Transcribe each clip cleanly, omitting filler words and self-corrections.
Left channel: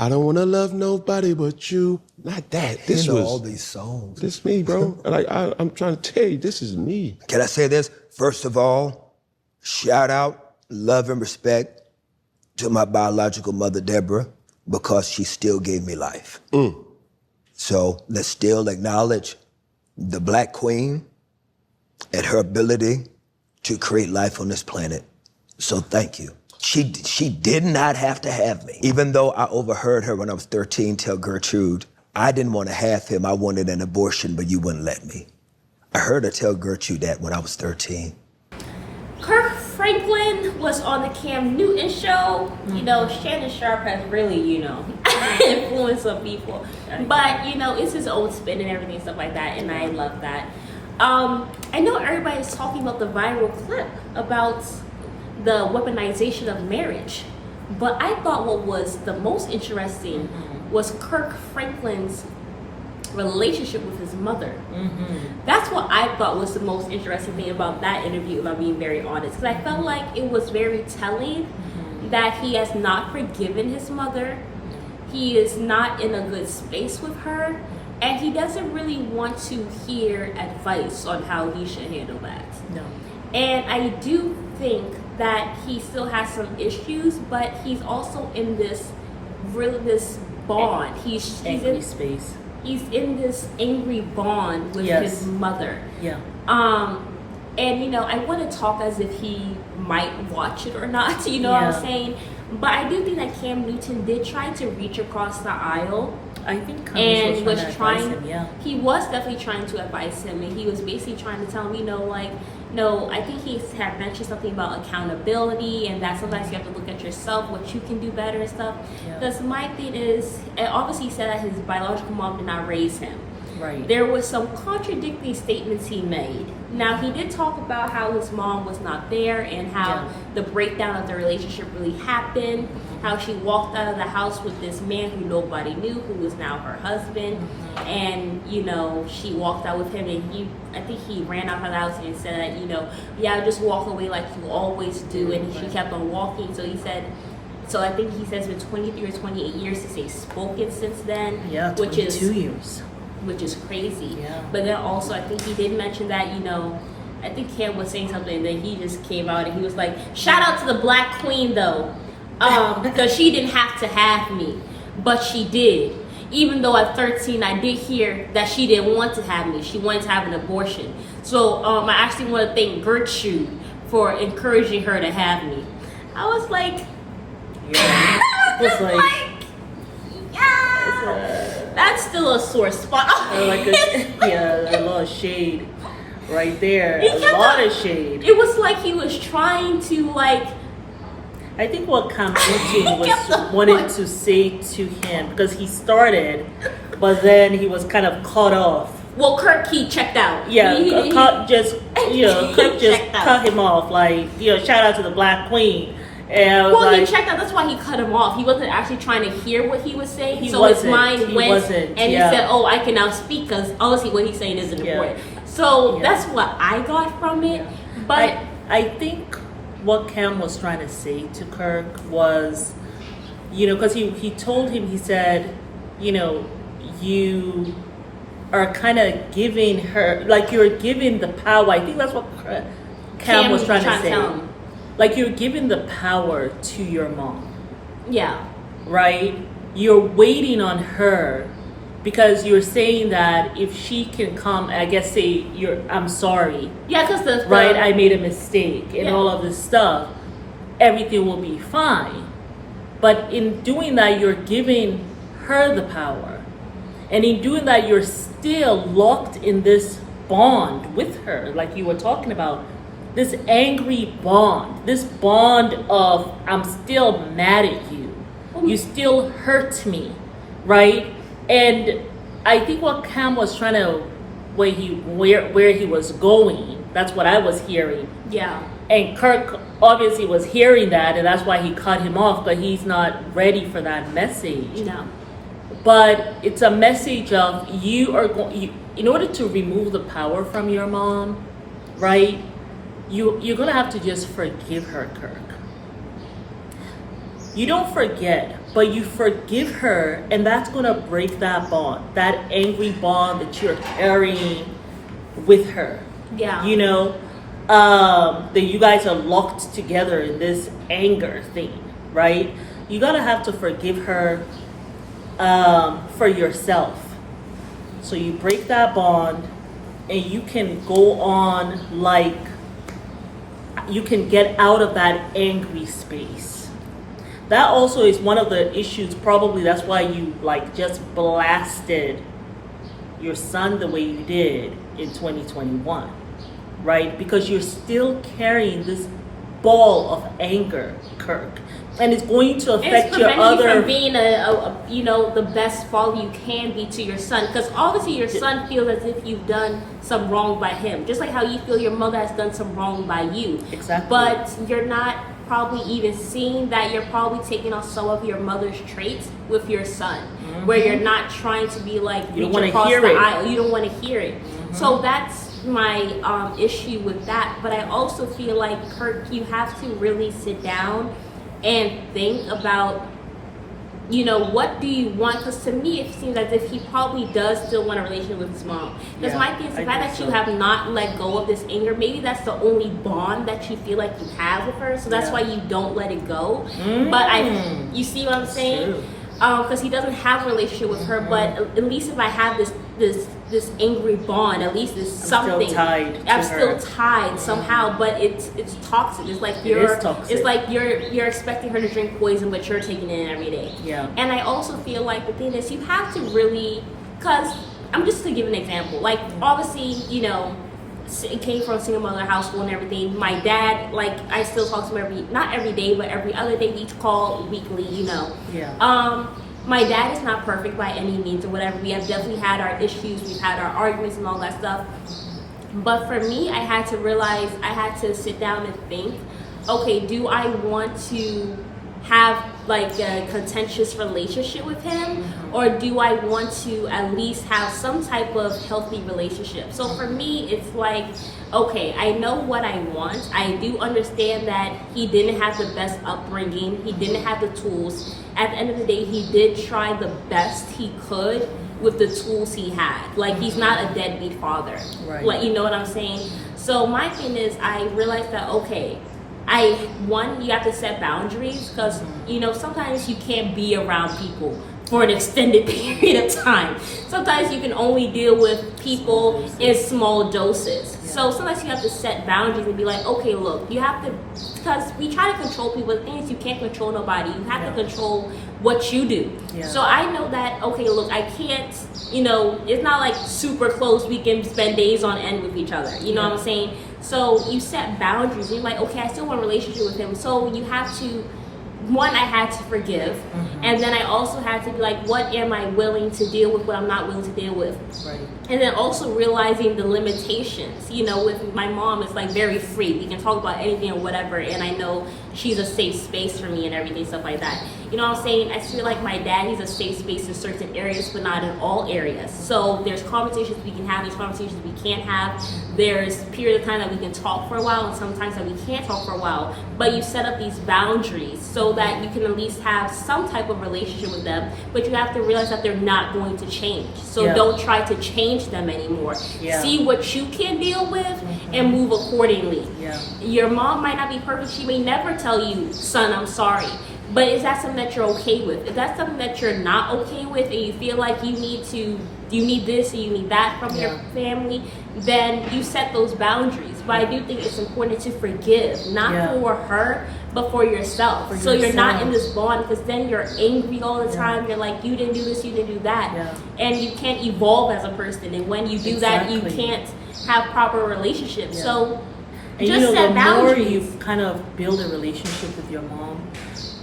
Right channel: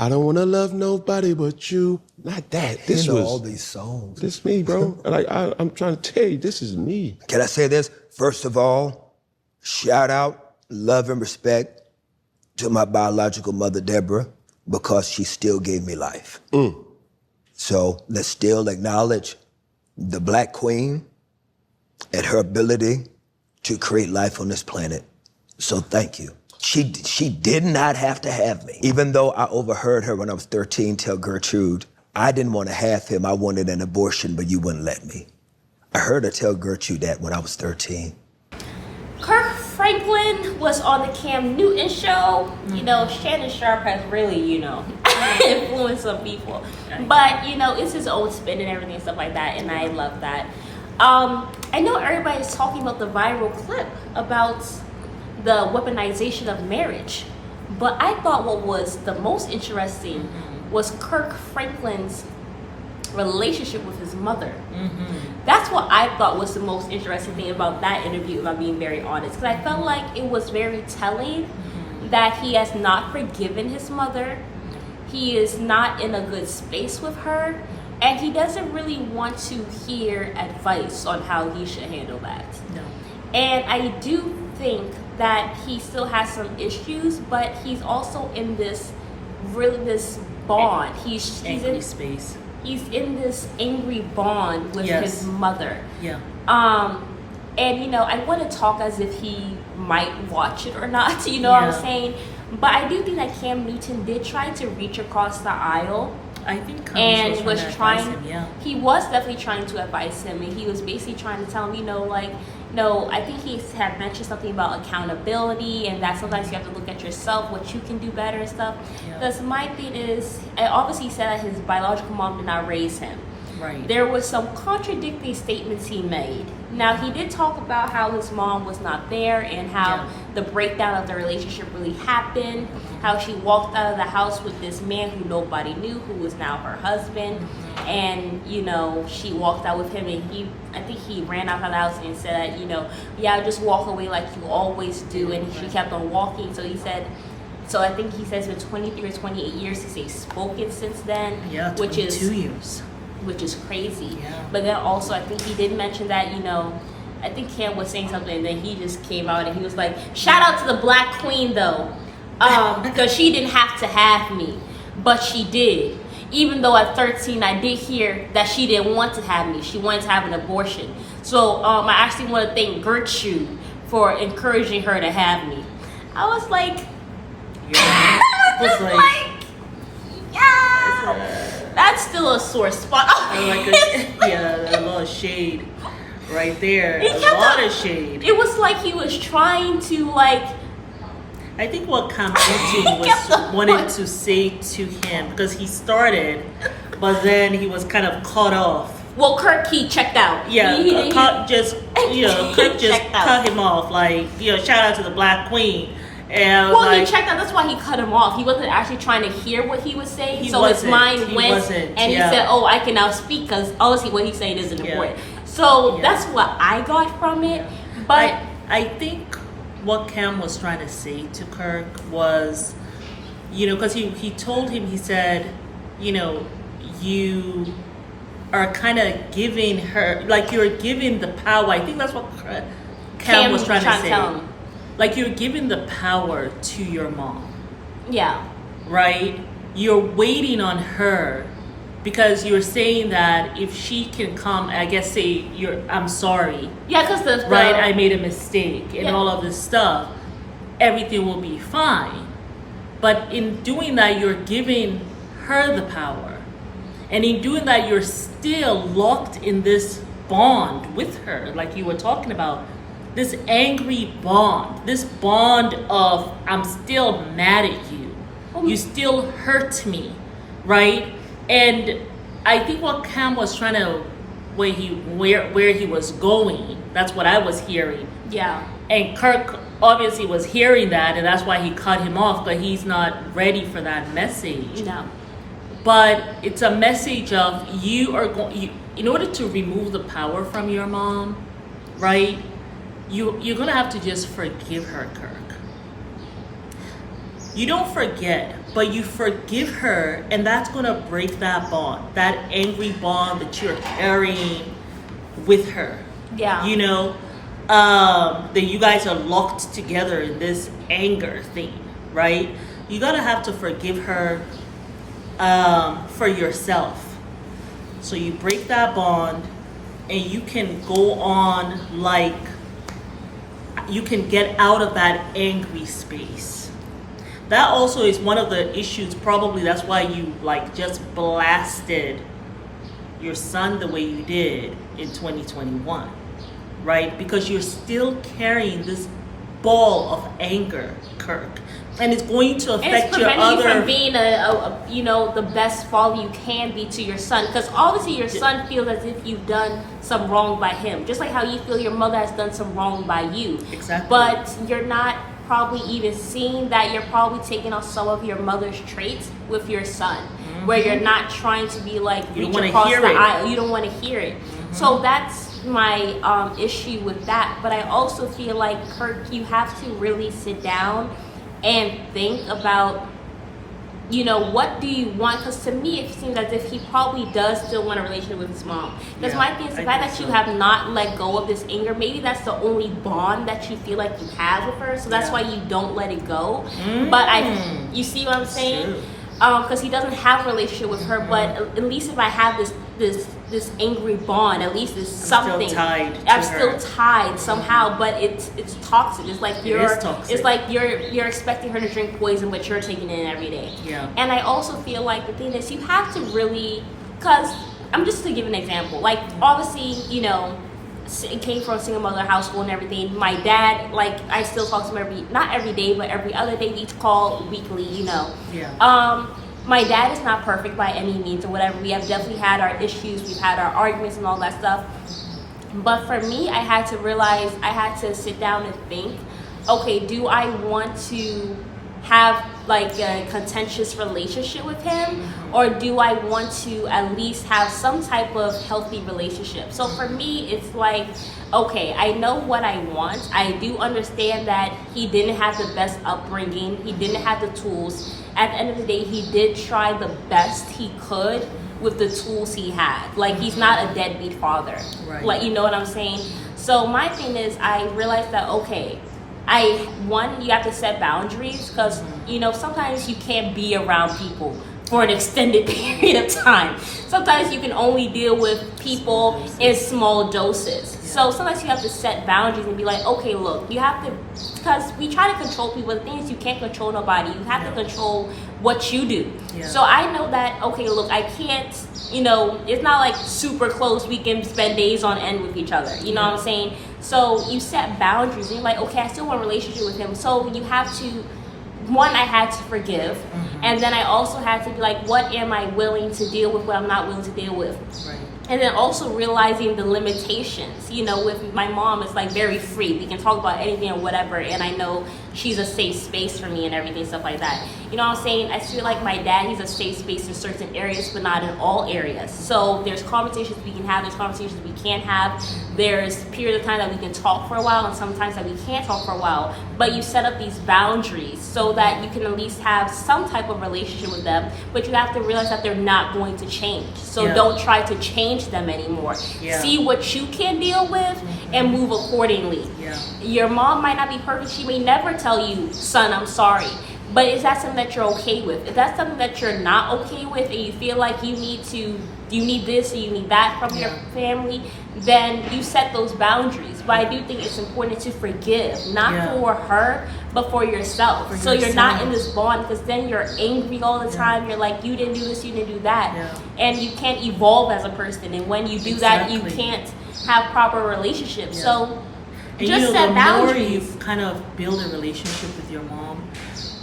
I don't want to love nobody but you. Not that. This you know was all these songs. This me, bro. I'm trying to tell you, this is me. Can I say this? First of all, shout out, love and respect to my biological mother, Deborah, because she still gave me life. So let's still acknowledge the Black Queen and her ability to create life on this planet. So thank you. She did not have to have me. Even though I overheard her when I was 13 tell Gertrude, I didn't want to have him, I wanted an abortion, but you wouldn't let me. I heard her tell Gertrude that when I was 13. Kirk Franklin was on the Cam Newton show. You know, Shannon Sharp has really, influenced some people. But, it's his own spin and everything, stuff like that, and I love that. I know everybody's talking about the viral clip about the weaponization of marriage, but I thought what was the most interesting was Kirk Franklin's relationship with his mother. That's what I thought was the most interesting thing about that interview, if I'm being very honest, because I felt like it was very telling that he has not forgiven his mother. He is not in a good space with her, and he doesn't really want to hear advice on how he should handle that. No. And I do think that he still has some issues, but he's also in this bond. He's angry space. He's in this angry bond with his mother. Yeah. And I want to talk as if he might watch it or not, what I'm saying? But I do think that Cam Newton did try to reach across the aisle. I think Cummings was trying to advise him, He was definitely trying to advise him, and he was basically trying to tell him, no, I think he had mentioned something about accountability, and that sometimes you have to look at yourself, what you can do better and stuff. Because my thing is, and obviously he said that his biological mom did not raise him. Right. There were some contradictory statements he made. Now, he did talk about how his mom was not there and how the breakdown of the relationship really happened, how she walked out of the house with this man who nobody knew, who is now her husband, and, she walked out with him, and I think he ran out of the house and said, I just walk away like you always do, and she kept on walking, so he said, I think he says with 23 or 28 years since they've spoken since then. Yeah, 22 years. Which is crazy. Yeah. But then also, I think he did mention that, I think Cam was saying something, and then he just came out and he was like, shout out to the Black Queen, though, because she didn't have to have me, but she did. Even though at 13, I did hear that she didn't want to have me. She wanted to have an abortion. So I actually want to thank Gertrude for encouraging her to have me. I was like... Yeah. It was like... That's still a sore spot. A lot of shade right there. A lot of shade. It was like he was trying to I think what Cam Newton wanted to say to him, because he started, but then he was kind of cut off. Well, Kirk, he checked out. Yeah, Kirk just cut him off. Shout out to the Black Queen. And I was he checked out. That's why he cut him off. He wasn't actually trying to hear what he was saying. His mind went, and he said, "Oh, I can now speak," because obviously what he's saying isn't important. So that's what I got from it. Yeah. But I think what Cam was trying to say to Kirk was, because he told him, he said, you are kind of giving her, you're giving the power. I think that's what Cam was trying to say. You're giving the power to your mom. Yeah. Right? You're waiting on her because you're saying that if she can come, I guess say I'm sorry. Yeah, because right, I made a mistake and all of this stuff, everything will be fine. But in doing that, you're giving her the power. And in doing that, you're still locked in this bond with her, like you were talking about. This angry bond, this bond of I'm still mad at you. You still hurt me, right? And I think what Cam was trying to, where he was going, that's what I was hearing. Yeah. And Kirk obviously was hearing that, and that's why he cut him off, but he's not ready for that message. No. But it's a message of in order to remove the power from your mom, right? You're gonna have to just forgive her, Kirk. You don't forget, but you forgive her, and that's gonna break that bond, that angry bond that you're carrying with her. Yeah. You know, that you guys are locked together in this anger thing, right? You gotta have to forgive her for yourself. So you break that bond, and you can go on, like, you can get out of that angry space. That also is one of the issues, probably that's why you like just blasted your son the way you did in 2021, right? Because you're still carrying this ball of anger, Kirk, and it's going to affect your other. You from being the best father you can be to your son, because obviously your son feels as if you've done some wrong by him, just like how you feel your mother has done some wrong by you. Exactly. But you're not probably even seeing that you're probably taking on some of your mother's traits with your son, where you're not trying to be like you don't want to hear it. You don't want to hear it. So that's my issue with that. But I also feel like, Kirk, you have to really sit down and think about, what do you want? Because to me, it seems as if he probably does still want a relationship with his mom. Because my thing is the fact that you have not let go of this anger, maybe that's the only bond that you feel like you have with her. So that's why you don't let it go. But you see what I'm saying? True. Because he doesn't have a relationship with her, but at least if I have this angry bond, at least it's something. I'm still tied somehow, but it's toxic. It's like toxic. It's like you're expecting her to drink poison, but you're taking it in every day. Yeah. And I also feel like the thing is, you have to really, because I'm just to give an example. Like obviously, it came from a single mother household and everything. My dad, like, I still talk to him not every day, but every other day. We call weekly, Yeah. My dad is not perfect by any means or whatever. We have definitely had our issues. We've had our arguments and all that stuff. But for me, I had to realize, I had to sit down and think, okay, do I want to have like a contentious relationship with him, or do I want to at least have some type of healthy relationship? So for me, it's like, okay, I know what I want. I do understand that he didn't have the best upbringing. He didn't have the tools. At the end of the day, he did try the best he could with the tools he had. Like, he's not a deadbeat father. Right. Like, you know what I'm saying? So my thing is, I realized that, okay, you have to set boundaries, because sometimes you can't be around people for an extended period of time. Sometimes you can only deal with people in small doses. Yeah. So sometimes you have to set boundaries and be like, okay, look, you have to, because we try to control people. The thing is, you can't control nobody. You have to control what you do. Yeah. So I know that, okay, look, I can't, it's not like super close. We can spend days on end with each other. You know what I'm saying? So you set boundaries. You're like, okay, I still want a relationship with him. So you have to, one, I had to forgive. And then I also had to be like, what am I willing to deal with, what I'm not willing to deal with? Right. And then also realizing the limitations. With my mom, it's like very free. We can talk about anything or whatever, and I know she's a safe space for me and everything, stuff like that. You know what I'm saying? I feel like my dad, he's a safe space in certain areas, but not in all areas. So there's conversations we can have, there's conversations we can't have. There's a period of time that we can talk for a while, and sometimes that we can't talk for a while. But you set up these boundaries so that you can at least have some type of relationship with them, but you have to realize that they're not going to change. So don't try to change them anymore. Yeah. See what you can deal with and move accordingly. Yeah. Your mom might not be perfect. She may never tell you, son, I'm sorry. But is that something that you're okay with? If that's something that you're not okay with, and you feel like you need this or you need that from your family, then you set those boundaries. But I do think it's important to forgive, not for her, but for yourself. So you're not in this bond, because then you're angry all the time. You're like, you didn't do this, you didn't do that. Yeah. And you can't evolve as a person. And when you do that, you can't have proper relationships. Yeah. So and just the more boundaries. you kind of build a relationship with your mom,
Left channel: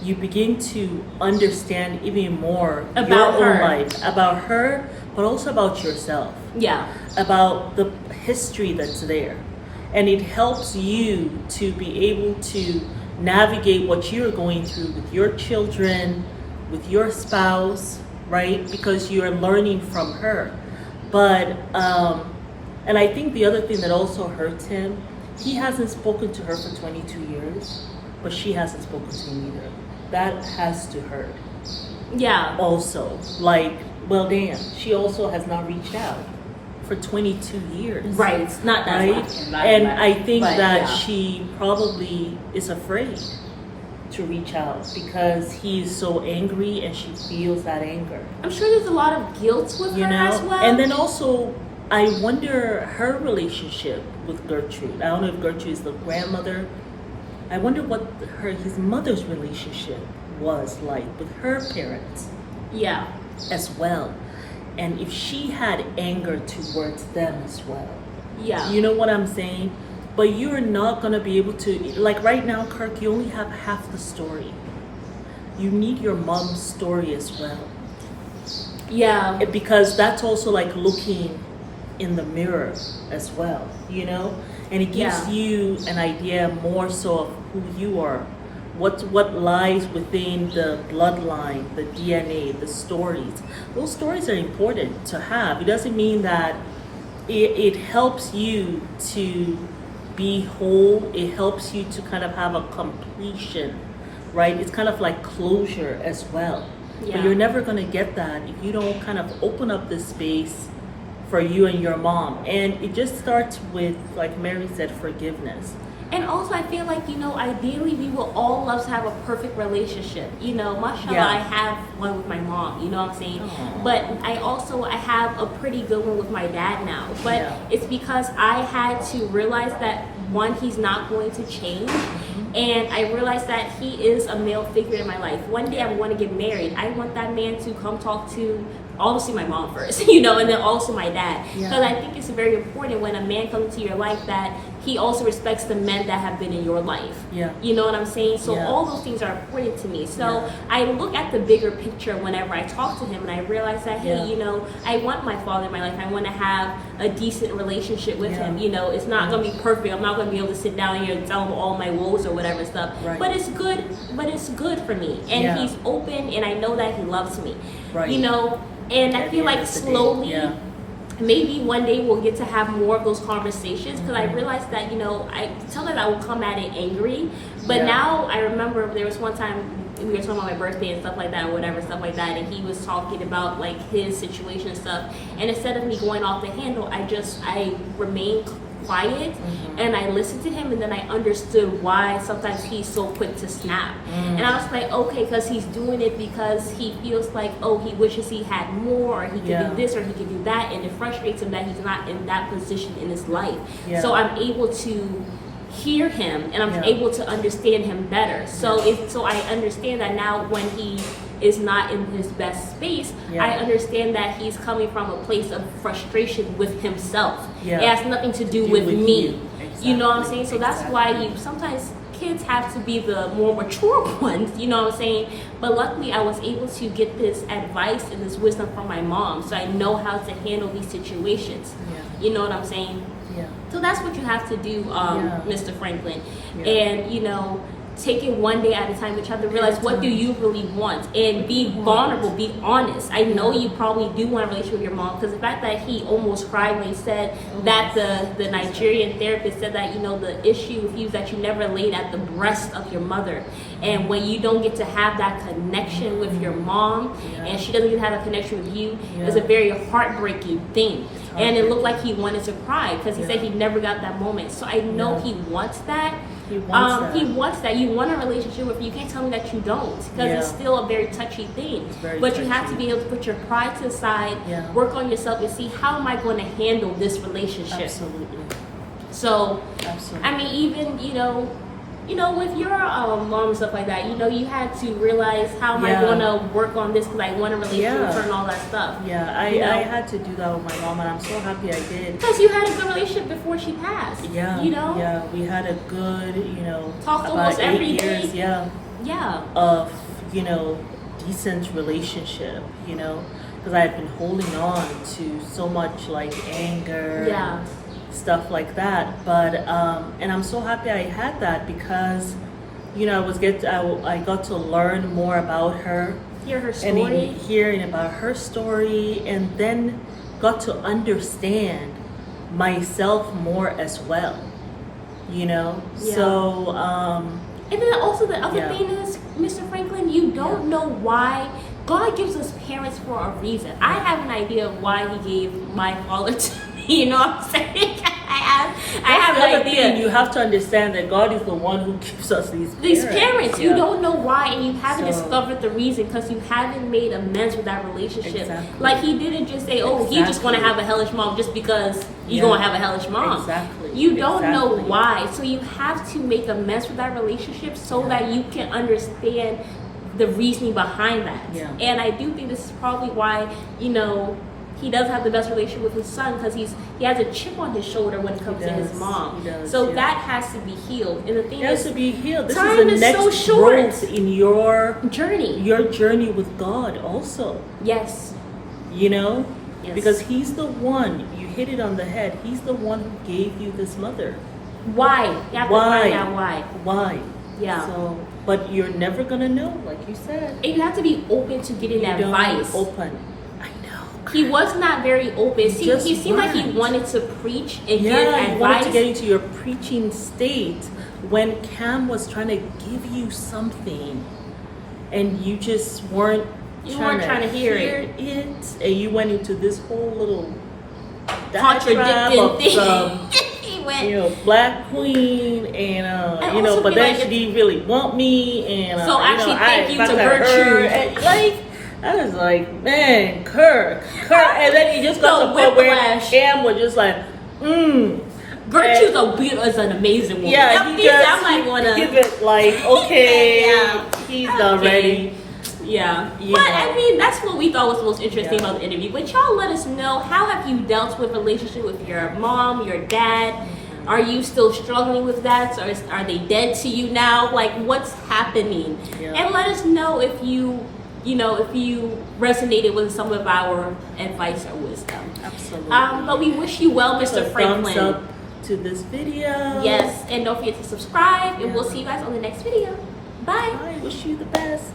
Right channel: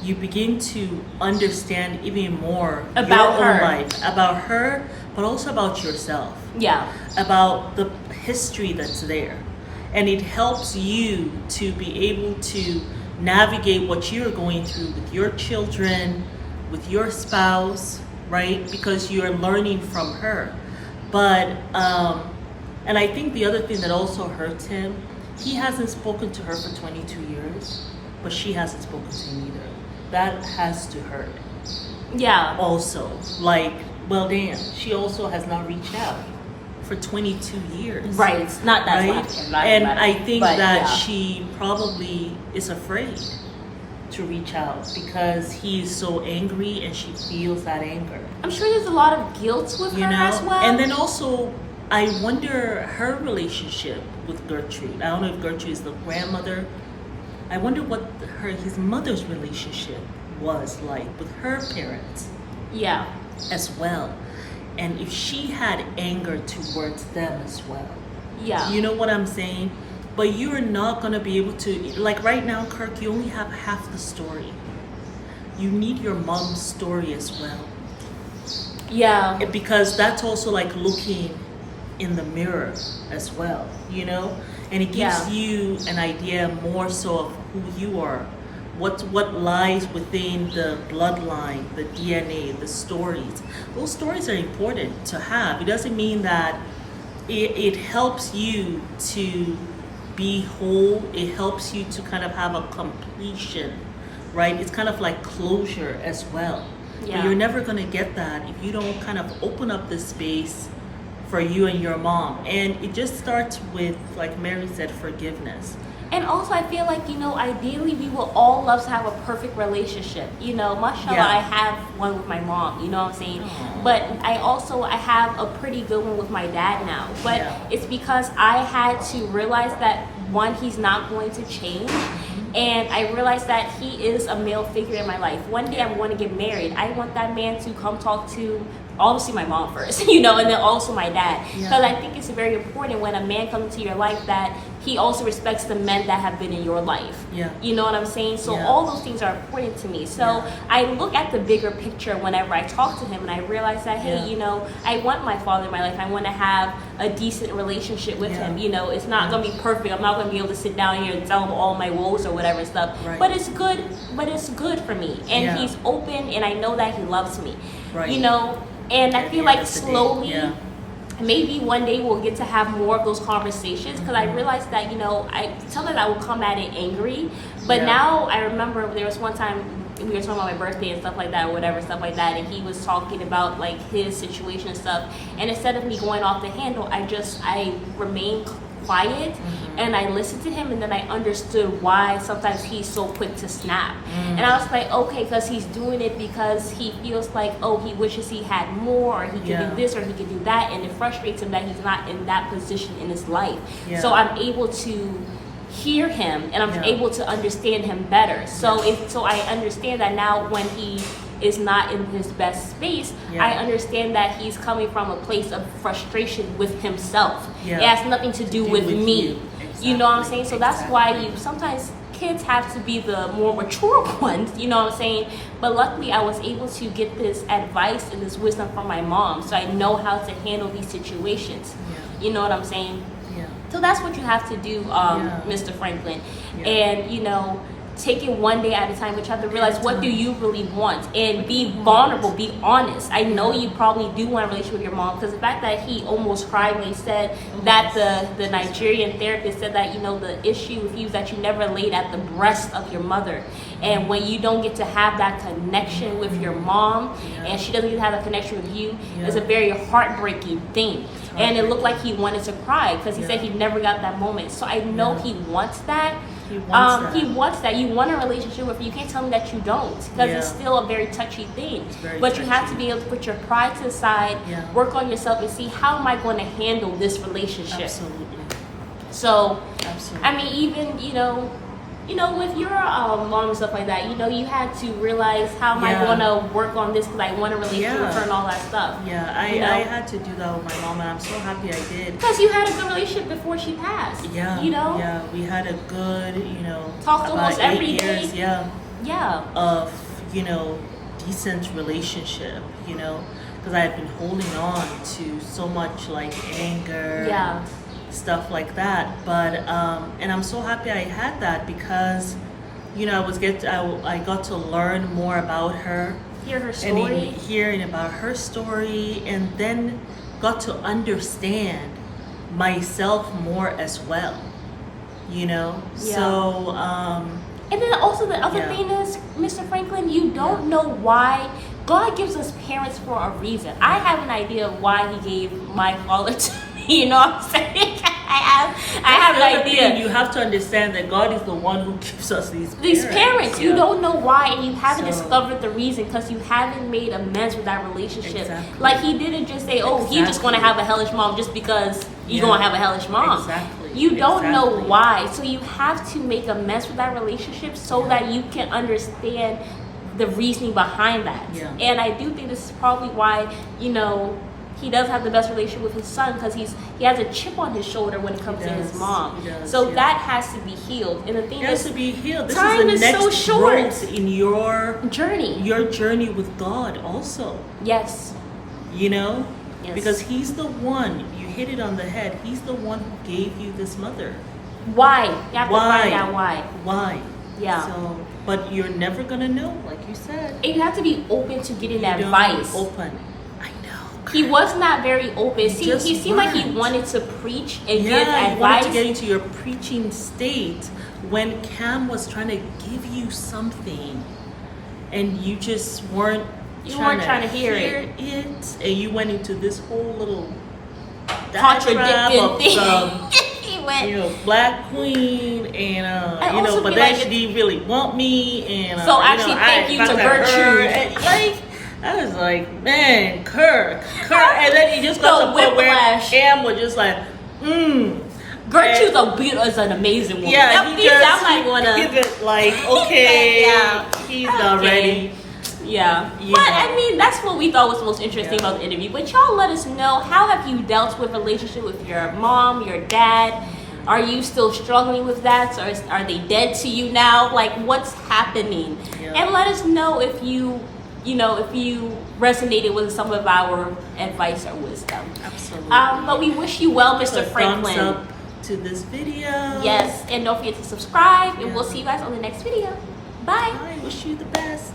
you begin to understand even more about your own life, about her, but also about yourself. Yeah. About the history that's there. And it helps you to be able to navigate what you're going through with your children, with your spouse, right? Because you're learning from her. But and I think the other thing that also hurts him, he hasn't spoken to her for 22 years, but she hasn't spoken to him either. That has to hurt. Yeah. Also, like, well, damn, she also has not reached out for 22 years. Right. It's not that Right? much, And I think but, that yeah. she probably is afraid to reach out because he's so angry and she feels that anger. I'm sure there's a lot of guilt with You her know? as well. And then also, I wonder her relationship with Gertrude. I don't know if Gertrude is the grandmother. I wonder what his mother's relationship was like with her parents yeah. as well. And if she had anger towards them as well. Yeah. You know what I'm saying? But you're not going to be able to, like right now, Kirk, you only have half the story. You need your mom's story as well. Yeah. Because that's also like looking in the mirror as well, you know? And it gives Yeah. you an idea more so of who you are. What lies within the bloodline, the DNA, the stories. Those stories are important to have. It doesn't mean that it helps you to be whole. It helps you to kind of have a completion, right? It's kind of like closure as well. But Yeah. you're never going to get that if you don't kind of open up the space for you and your mom. And it just starts with, like Mary said, forgiveness. And also, I feel like, you know, ideally we would all love to have a perfect relationship. You know, mashallah, Yeah. I have one with my mom, you know what I'm saying? Aww. But I have a pretty good one with my dad now. But Yeah. it's because I had to realize that, one, he's not going to change. And I realized that he is a male figure in my life. One day I'm going to get married. I want that man to come talk to, obviously, my mom first, you know, and then also my dad. Yeah. Because I think it's very important when a man comes into your life that he also respects the men that have been in your life. Yeah. You know what I'm saying? So Yeah. all those things are important to me. So Yeah. I look at the bigger picture whenever I talk to him, and I realize that, hey, Yeah. you know, I want my father in my life. I want to have a decent relationship with Yeah. him. You know, it's not going to be perfect. I'm not going to be able to sit down here and tell him all my woes or whatever stuff. Right. But it's good. But it's good for me. And Yeah. he's open, and I know that he loves me. Right. You know, and I At feel the end like of the day, slowly, yeah. maybe one day we'll get to have more of those conversations, because Mm-hmm. I realized that, you know, sometimes I will come at it angry, but Yeah. now I remember there was one time we were talking about my birthday and stuff like that, or whatever, stuff like that, and he was talking about like his situation and stuff, and instead of me going off the handle, I remained quiet, and I listened to him, and then I understood why sometimes he's so quick to snap. And I was like, okay, because he's doing it because he feels like, oh, he wishes he had more, or he could Yeah. do this, or he could do that, and it frustrates him that he's not in that position in his life. Yeah. So I'm able to hear him, and I'm Yeah. able to understand him better. So I understand that now when he is not in his best space, Yeah. I understand that he's coming from a place of frustration with himself. Yeah. It has nothing to do Do with with me. you. You know what I'm Exactly. saying? So that's why Exactly. sometimes kids have to be the more mature ones, you know what I'm saying? But luckily I was able to get this advice and this wisdom from my mom, so I know how to handle these situations. Yeah. You know what I'm saying? Yeah. So that's what you have to do, Yeah. Mr. Franklin. Yeah. And, you know, take it one day at a time, but you have to realize, what do you really want? And be vulnerable, be honest. I know you probably do want a relationship with your mom, because the fact that he almost cried when he said that the Nigerian therapist said that, you know, the issue with you is that you never laid at the breast of your mother. And when you don't get to have that connection with your mom, Yeah. and she doesn't get to have a connection with you, Yeah. it's a very heartbreaking thing. It's And it looked like he wanted to cry, because he Yeah. said he never got that moment. So I know Yeah. he wants that. He wants that. He wants that. You want a relationship with, you can't tell me that you don't, because Yeah. it's still a very touchy thing. very But you have to touchy. be able to put your pride to the side, Yeah. work on yourself, and see, how am I going to handle this relationship? Absolutely. So, Absolutely. I mean, even, with your mom and stuff like that, you had to realize, how am I Yeah. going to work on this, because I want a relationship with Yeah. her and all that stuff. Yeah, You know? I had to do that with my mom, and I'm so happy I did. Because you had a good relationship before she passed. Yeah, yeah, we had a good, Talked about almost 8 every years, day. yeah, Yeah. of, decent relationship, because I had been holding on to so much like anger Yeah. and stuff like that. But and I'm so happy I had that, because I got to learn more about her. Hear her and story. hearing about her story, and then got to understand myself more as well. You know, Yeah. so And then also the other Yeah. thing is, Mr. Franklin, you don't know why God gives us parents for a reason. I have an idea of why He gave my father to me. You know what I'm saying? I that's have the an other idea. thing. You have to understand that God is the one who gives us these Parents, you Yeah. don't know why, and you haven't So- discovered the reason because you haven't made amends with that relationship. Exactly. Like He didn't just say, "Oh, He just gonna Exactly. have a hellish mom just because you're Yeah. gonna have a hellish mom." Exactly. You don't know Exactly. why, so you have to make amends with that relationship so Yeah. that you can understand the reasoning behind that. Yeah. And I do think this is probably why he does have the best relationship with his son because he has a chip on his shoulder when it comes to his does. mom. He does, So yeah. that has to be healed. And the thing It has is, to be healed. This time is the is next so short. growth in your journey. journey with God also. Yes. You know? Yes. Because He's the one, you hit it on the head, He's the one who gave you this mother. Why? You have to find out why. Why? Yeah. So, but you're never gonna know, like you said. And you have to be open to getting You don't advice. open. I know. He was not very open. See, just he seemed like he weren't. wanted to preach and give Yeah, advice. you wanted to get into your preaching state when Cam was trying to give you something, and you just weren't trying to hear it, and you went into this whole little diatribe of some, He went. black queen, and also but feel then like she didn't really want me, and So actually thank you to fucked her, Virtue. and, like. I was like, man, Kirk, and then you just got to the point where whiplash. Cam was just like, Virtue's is an amazing woman. yeah, I he think just I'm not gonna. give it like, okay, Yeah. he's not Okay. ready. Yeah, You but know. I mean that's what we thought was the most interesting Yeah. about the interview. But y'all let us know, how have you dealt with relationship with your mom, your dad? Are you still struggling with that, or are they dead to you now? Like, what's happening? Yeah. And let us know if you resonated with some of our advice or wisdom. Absolutely. But we wish you well, Give Mr. a Franklin. thumbs up to this video. Yes, and don't forget to subscribe, and Yeah. we'll see you guys on the next video. Bye. I wish you the best.